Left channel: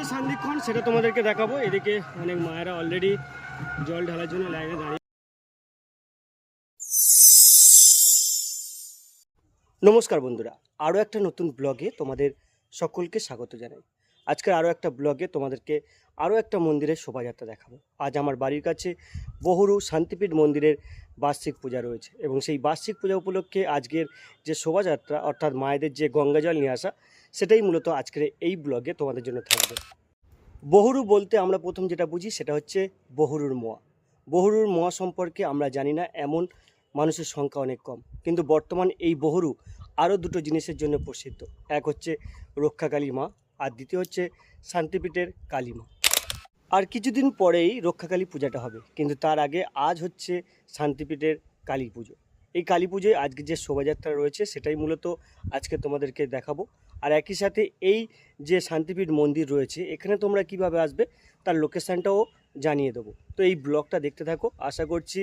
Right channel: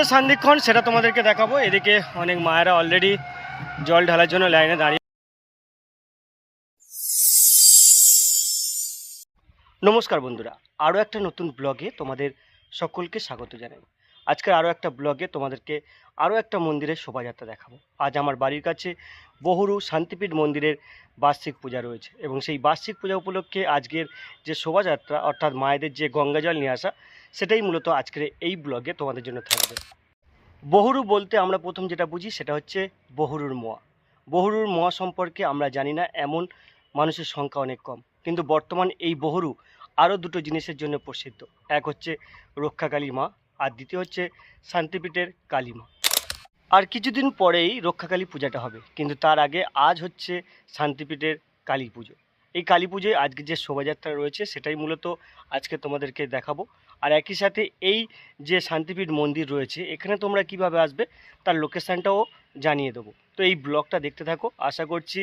যে সান্দিক্ষণ সেটা তোমাদেরকে দেখাবো। এদিকে অনেক মায়েরা অলরেডি জল ঢালার জন্য লাইনে দাঁড়িয়ে নমস্কার বন্ধুরা, আরও একটা নতুন ব্লগে তোমাদের সকলকে স্বাগত জানাই। আজকের আরও একটা ব্লগে তোমাদেরকে আরও একটা মন্দিরের শোভাযাত্রা দেখাবো। আজ আমার বাড়ির কাছে বহুরু শান্তিপীঠ মন্দিরের বার্ষিক পূজা রয়েছে এবং সেই বার্ষিক পূজা উপলক্ষে আজকের যে শোভাযাত্রা, অর্থাৎ মায়েদের যে গঙ্গা জল নিয়ে আসা, সেটাই মূলত আজকের এই ব্লগে তোমাদের জন্য থাকবে। বহুরু বলতে আমরা প্রথম যেটা বুঝি সেটা হচ্ছে বহুরুর মোয়া। বহুরুর মোয়া সম্পর্কে আমরা জানি না, এমন মানুষের সংখ্যা অনেক কম। কিন্তু বর্তমান এই বহুরু আরও দুটো জিনিসের জন্য প্রসিদ্ধ। এক হচ্ছে রক্ষাকালী মা, আর দ্বিতীয় হচ্ছে শান্তিপীঠের কালী মা। আর কিছুদিন পরেই রক্ষাকালী পূজাটা হবে, কিন্তু তার আগে আজ হচ্ছে শান্তিপীঠের কালী পুজো। এই কালী পুজোয় আজকে যে শোভাযাত্রা রয়েছে সেটাই মূলত আজকে তোমাদেরকে দেখাবো। আর একই সাথে এই যে শান্তিপীঠ মন্দির রয়েছে, এখানে তোমরা কীভাবে আসবে তার লোকেশানটাও জানিয়ে দেবো। তো এই ব্লগটা দেখতে থাকো। আশা করছি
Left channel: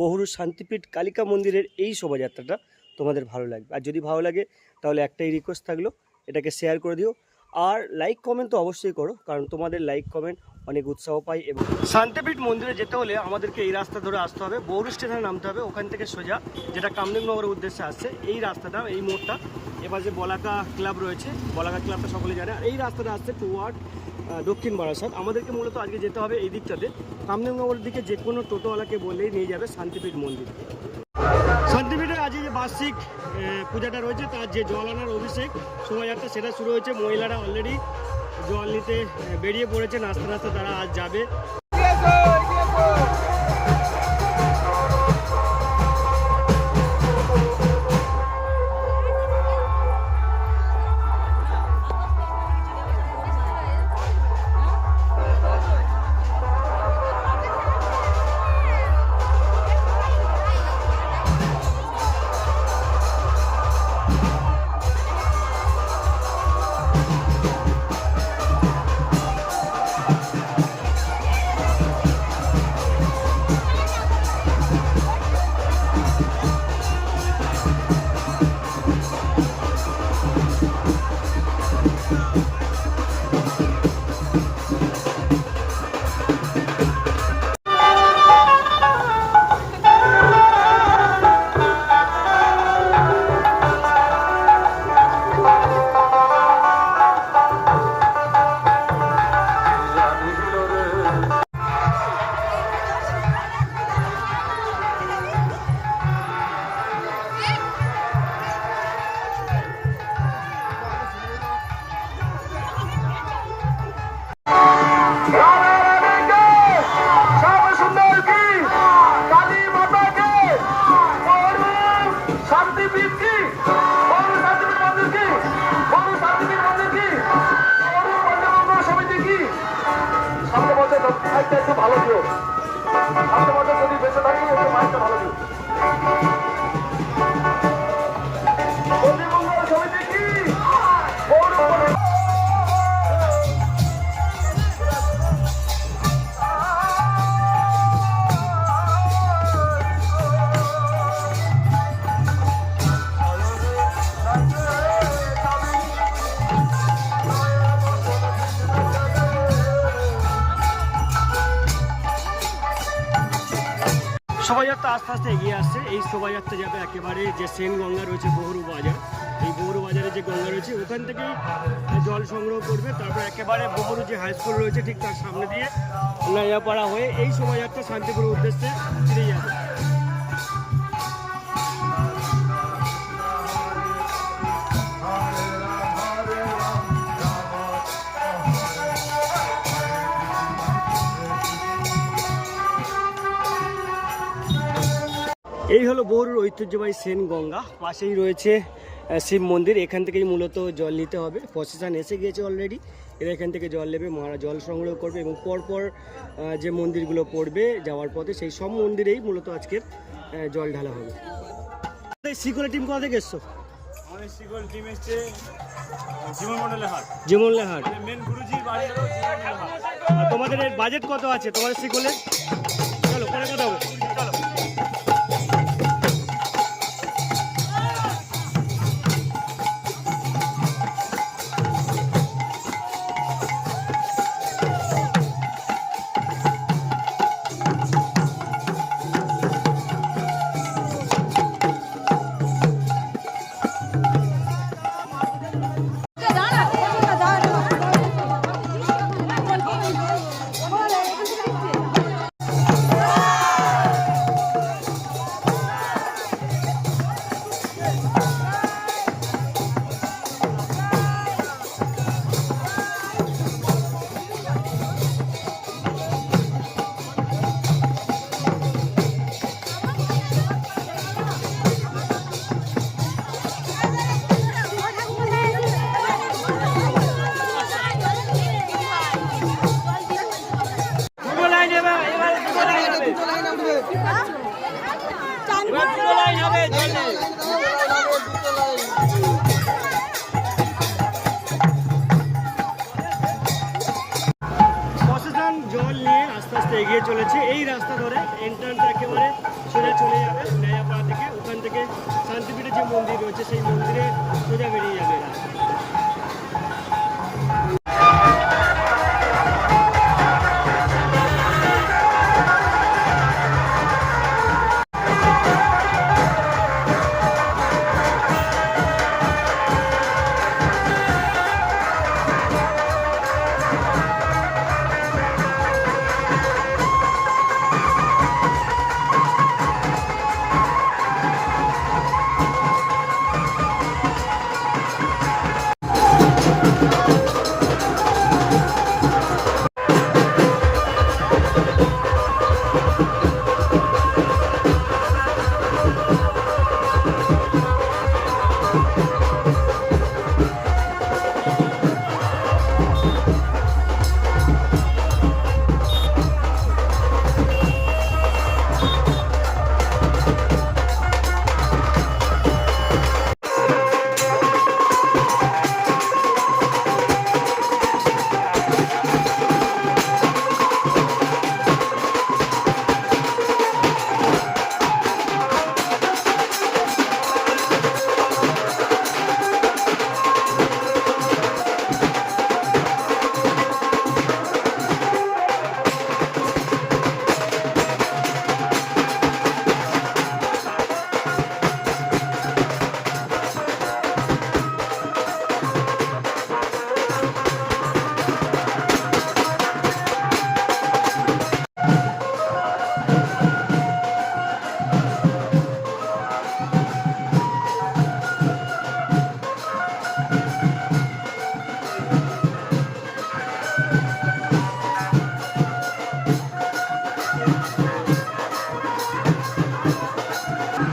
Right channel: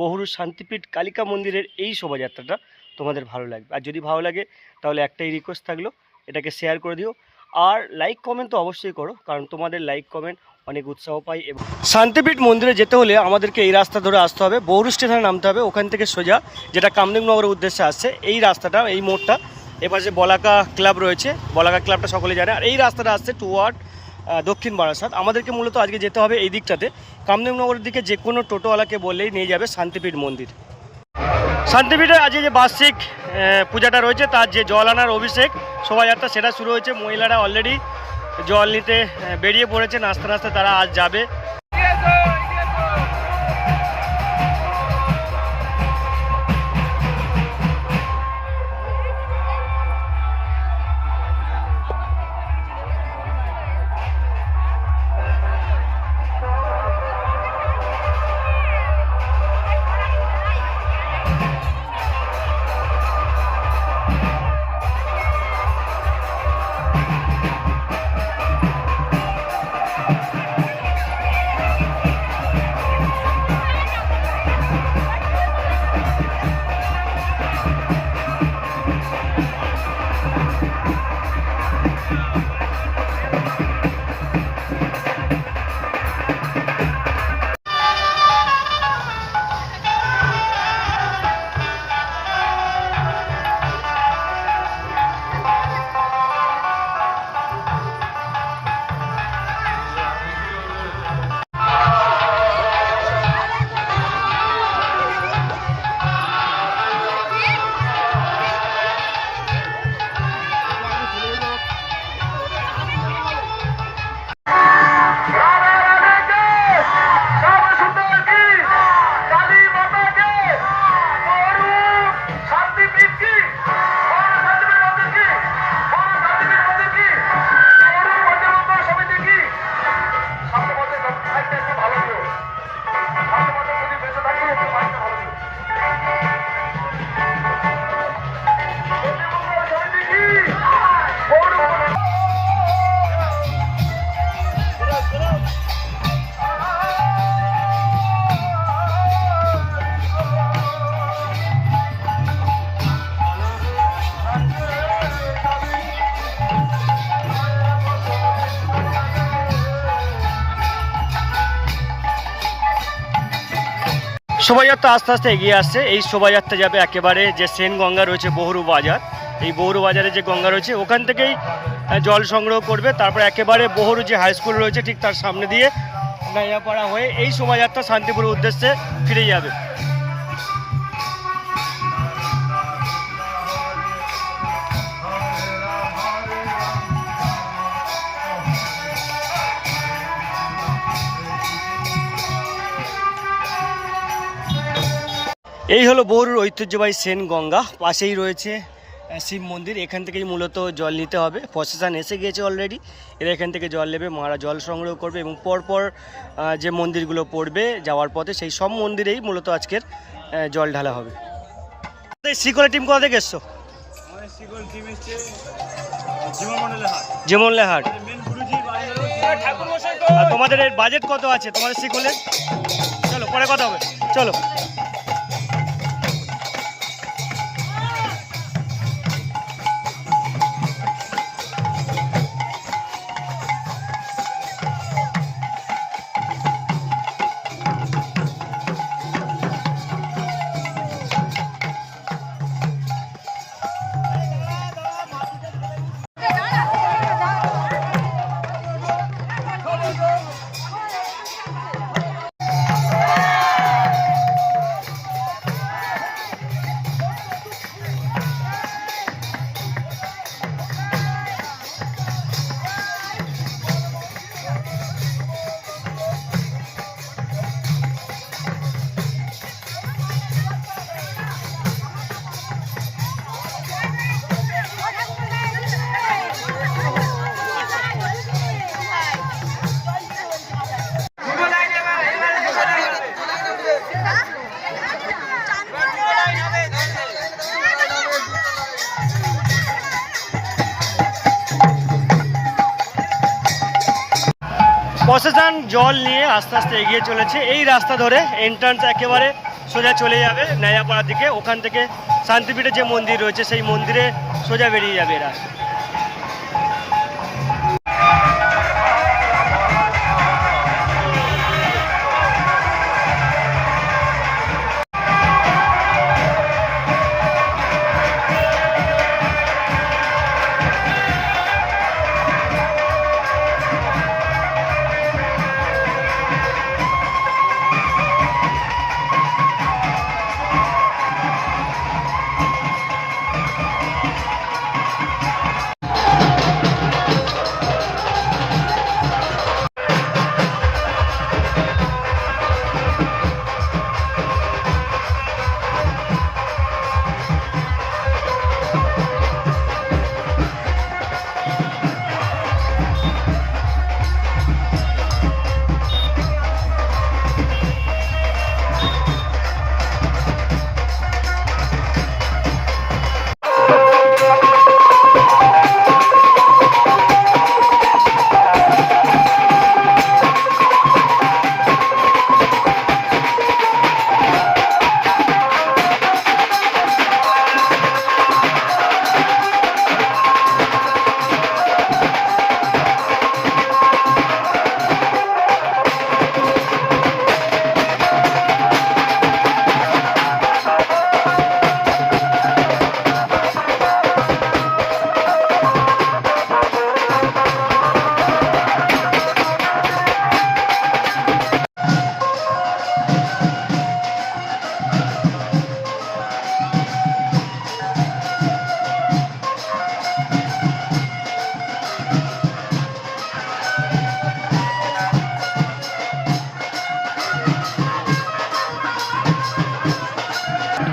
বহুরু শান্তিপীঠ কালিকা মন্দিরের এই শোভাযাত্রাটা তোমাদের ভালো লাগবে। আর যদি ভালো লাগে, তাহলে একটাই রিকোয়েস্ট থাকল, এটাকে শেয়ার করে দিও। আর লাইক কমেন্ট তো অবশ্যই করো, কারণ তোমাদের লাইক কমেন্ট অনেক উৎসাহ পাই এবং শান্তিপীঠ মন্দিরে যেতে হলে আমাদেরকে এই রাস্তা ধরে আসতে হবে। বহুরু স্টেশনে নামতে হবে, ওখান থেকে সোজা, যেটা কামদেবনগরের উদ্দেশ্যে আসছে। এই রাস্তাটা, এই মোড়টা এপাশে বলাকা ক্লাব রয়েছে। বলাকা ক্লাবটা সকলে জানে। আর এই রাস্তাটা আসছে টুয়ার্ড দক্ষিণ বারাসাত। আমাদেরকে মূলত আজকে যেতে হবে এই দিকটাতে। কামদেবনগরের দিকে যে কোনো টোটোওয়ালাকে বললেই নিয়ে যাবে শান্তিপীঠ মন্দির। শান্তিপীঠে আজকে যে বার্ষিক পূজাটা রয়েছে, তার যে জল আনার অভিষেক, শোভাযাত্রা সেটা শুরু হয়েছে। মহিলারা অলরেডি জল নিতে বেরিয়ে পড়েছে। নাচতে নাচতে তারা আজ যাবে। শোভাযাত্রা আস্তে আস্তে এগিয়ে আসছে। এই শোভাযাত্রা যাবে একেবারে যে সেন গঙ্গা রয়েছে বহুরু বাজার। এই বহুরু বাজারে যে গঙ্গা রয়েছে, ওখান থেকেই জল সংগ্রহ করবে। তারপর একেবারে বহরু যে হাই স্কুল রয়েছে, ঠিক তার সামনে দিয়ে নাইয়াপাড়া হয়ে এই শোভাযাত্রা শান্তিপুরের উদ্দেশ্যে ফিরে যাবে। এই হলো বহুরুর ঐতিহ্যবাহী সেন গঙ্গা। পাশেই রয়েছে শিব মন্দির। এখান থেকেই মূলত জল নিতে হবে। প্রসেশন এসে গিয়েছে অলরেডি এরা এখান থেকে জল নেবে মারা জল সংগ্রহ করবে এবং পরপর যে মন্দিরগুলো পড়বে যাওয়ার পথে সেই সব মন্দিরেই মূলত আজকের জল ঢালা হবে। শিকলা টিম কোথা থেকে এসছো? হাট। আর তোমাদের বাজেট কত আছে? তোমাদের শিকলের চলো পরে কথা হবে। চলো। প্রসেসান জল নিয়ে আস্তে আস্তে এগিয়ে চলেছে। এই রাস্তা ধরে এন্ট্রান্স একেবারে সোজা চলে যাবে ন্যায়াপাড়ার দিকে। ওখান থেকে শান্তিপীঠে যে মন্দির রয়েছে, সেই মন্দিরে সোজা বেরিয়ে যাবে এরা।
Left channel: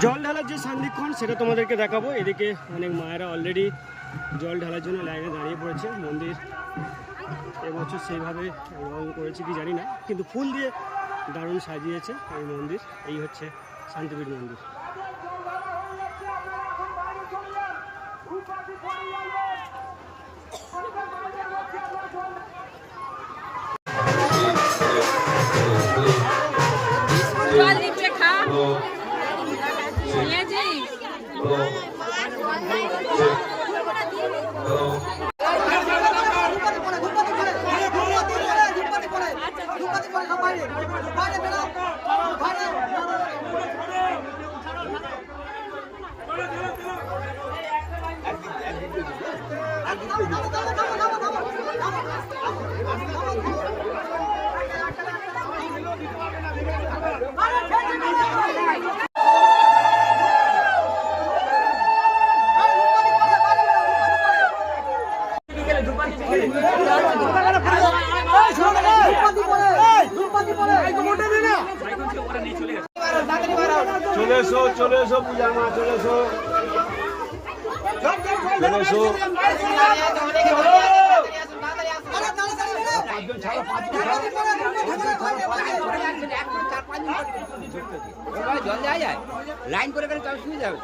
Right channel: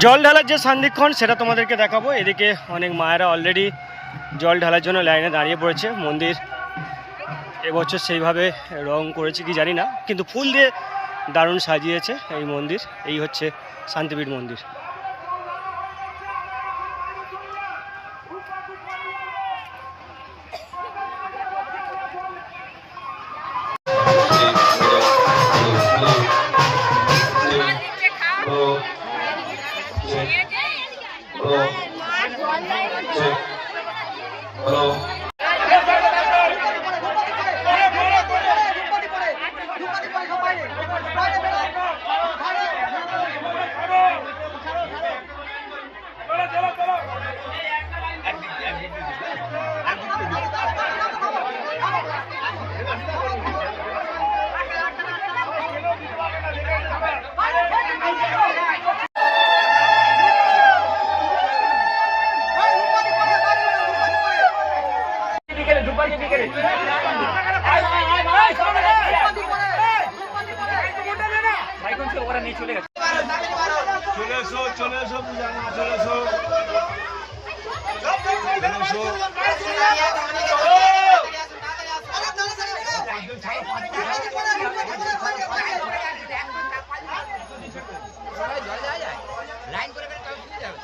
জল ঢালার যে সান্দিক্ষণ সেটা তোমাদেরকে দেখাবো। এদিকে অনেক মায়েরা অলরেডি জল ঢালার জন্য লাইনে দাঁড়িয়ে পড়েছে। মন্দির এবছর সেইভাবে রং করেছে কি জানি না, কিন্তু ফুল দিয়ে দারুণ সাজিয়েছে এই মন্দির। এই হচ্ছে শান্তিপীঠ মন্দির। লাইন করে গেলে কাজ শুয়ে যাবে